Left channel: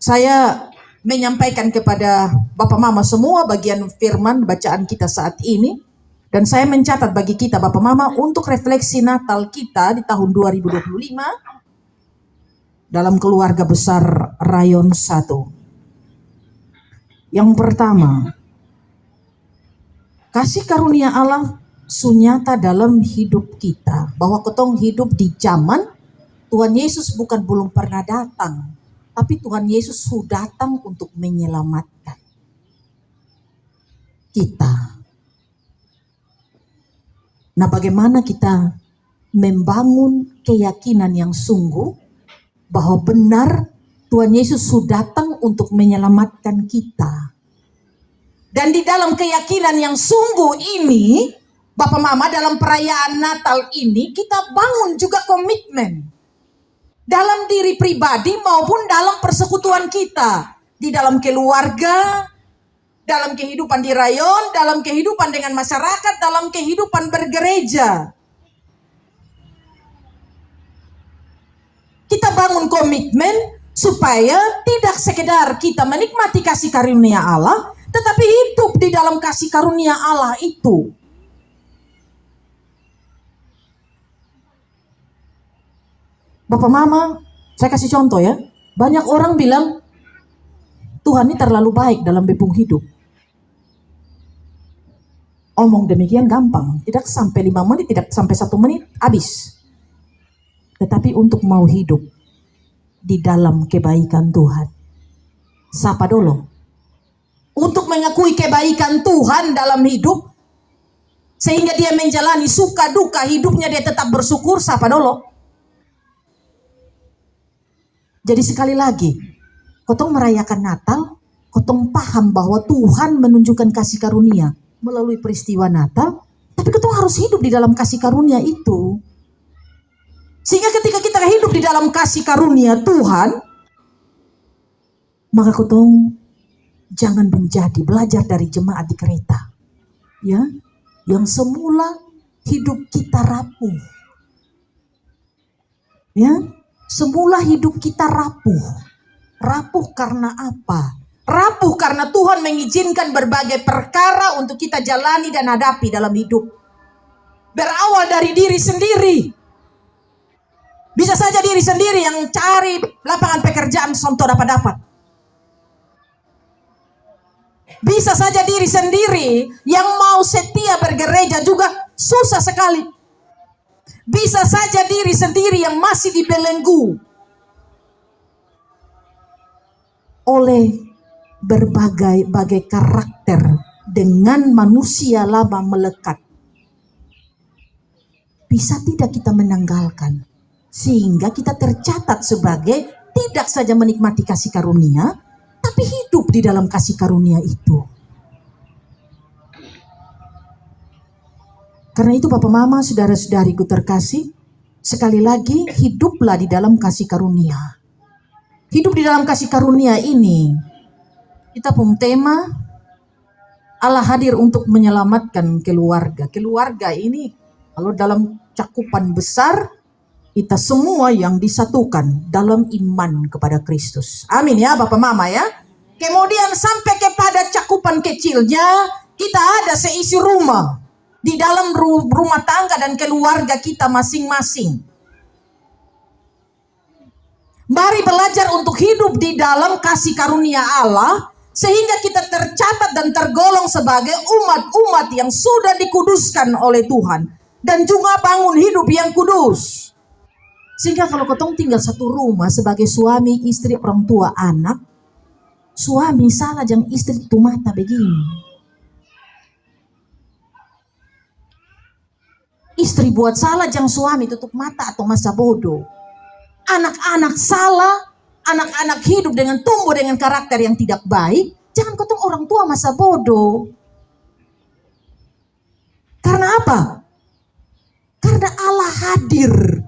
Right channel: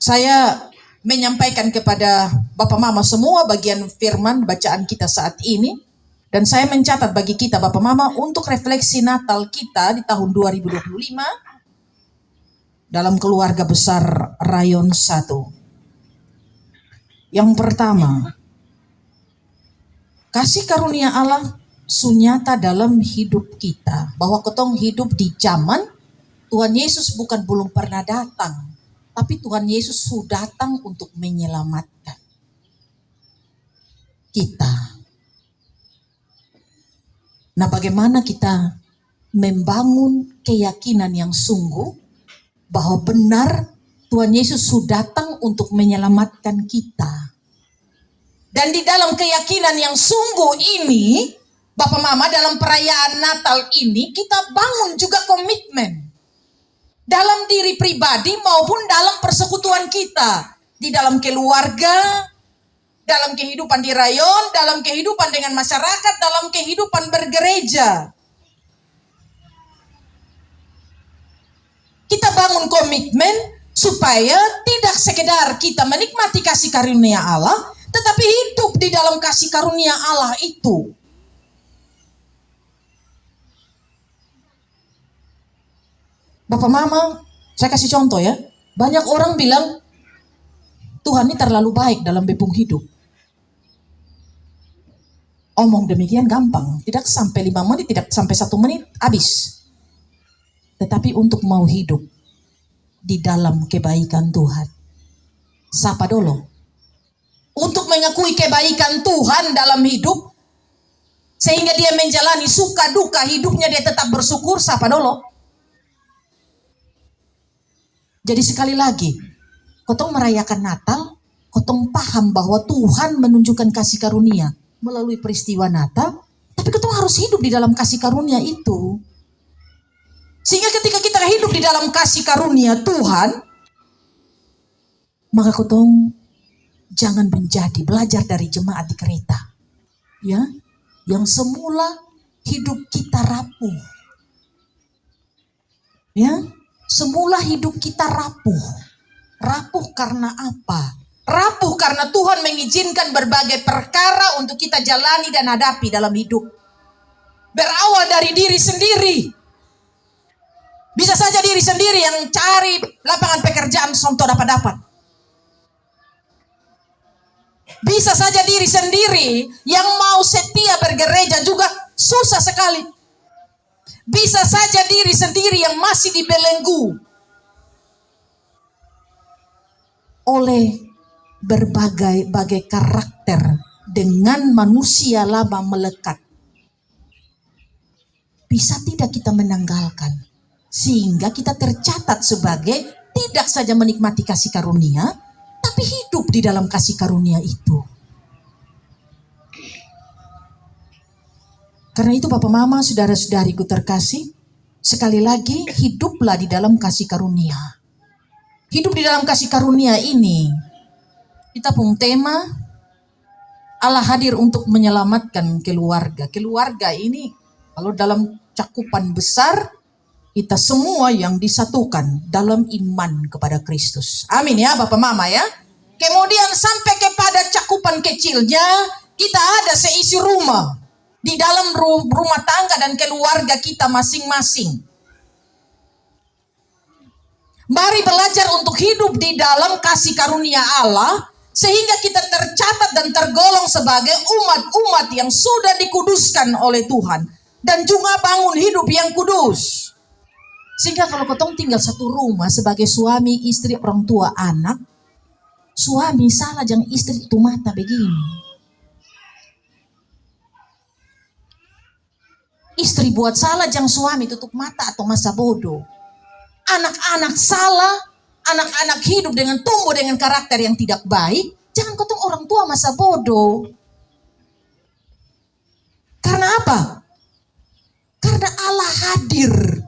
Saya menyampaikan kepada Bapak Mama semua bagian firman bacaan kita saat ini. Dan saya mencatat bagi kita Bapak Mama untuk refleksi Natal kita di tahun 2025 dalam keluarga besar Rayon 1. Yang pertama, kasih karunia Allah sunyata dalam hidup kita. Bahwa ketong hidup di zaman Tuhan Yesus bukan belum pernah datang, tapi Tuhan Yesus sudah datang untuk menyelamatkan kita. Nah, bagaimana kita membangun keyakinan yang sungguh bahwa benar Tuhan Yesus sudah datang untuk menyelamatkan kita. Dan di dalam keyakinan yang sungguh ini, Bapak Mama, dalam perayaan Natal ini kita bangun juga komitmen dalam diri pribadi maupun dalam persekutuan kita, di dalam keluarga, dalam kehidupan di rayon, dalam kehidupan dengan masyarakat, dalam kehidupan bergereja. Kita bangun komitmen supaya tidak sekedar kita menikmati kasih karunia Allah, tetapi hidup di dalam kasih karunia Allah itu. Bapak Mama, saya kasih contoh ya. Banyak orang bilang, Tuhan ini terlalu baik dalam bepung hidup. Omong demikian gampang, tidak sampai 5 menit, tidak sampai 1 menit, habis. Tetapi untuk mau hidup di dalam kebaikan Tuhan, sapa dulu. Untuk mengakui kebaikan Tuhan dalam hidup, sehingga dia menjalani suka duka hidupnya, dia tetap bersyukur, sapa dulu. Jadi sekali lagi, kotong merayakan Natal, kotong paham bahwa Tuhan menunjukkan kasih karunia melalui peristiwa Natal, tapi kotong harus hidup di dalam kasih karunia itu. Sehingga ketika kita hidup di dalam kasih karunia Tuhan, maka kotong jangan menjadi belajar dari jemaat di kereta, ya, yang semula hidup kita rapuh, ya, semula hidup kita rapuh. Rapuh karena apa? Rapuh karena Tuhan mengizinkan berbagai perkara untuk kita jalani dan hadapi dalam hidup. Berawal dari diri sendiri. Bisa saja diri sendiri yang cari lapangan pekerjaan sonto dapat. Bisa saja diri sendiri yang mau setia bergereja juga susah sekali. Bisa saja diri sendiri yang masih dibelenggu oleh berbagai karakter dengan manusia lama melekat. Bisa tidak kita menanggalkan, sehingga kita tercatat sebagai tidak saja menikmati kasih karunia, tapi hidup di dalam kasih karunia itu. Karena itu Bapak Mama, saudara-saudariku terkasih, sekali lagi hiduplah di dalam kasih karunia. Hidup di dalam kasih karunia ini, kita pun tema Allah hadir untuk menyelamatkan keluarga. Keluarga ini kalau dalam cakupan besar, kita semua yang disatukan dalam iman kepada Kristus. Amin ya Bapak Mama ya. Kemudian sampai kepada cakupan kecilnya, kita ada seisi rumah. Di dalam rumah tangga dan keluarga kita masing-masing. Mari belajar untuk hidup di dalam kasih karunia Allah, sehingga kita tercatat dan tergolong sebagai umat-umat yang sudah dikuduskan oleh Tuhan. Dan juga bangun hidup yang kudus. Sehingga kalau kotong tinggal satu rumah sebagai suami, istri, orang tua, anak, suami salah jangan istri itu mata begini. Istri buat salah jangan suami tutup mata atau masa bodoh. Anak-anak salah, anak-anak hidup dengan tumbuh dengan karakter yang tidak baik, jangan kotong orang tua masa bodoh. Karena apa? Karena Allah hadir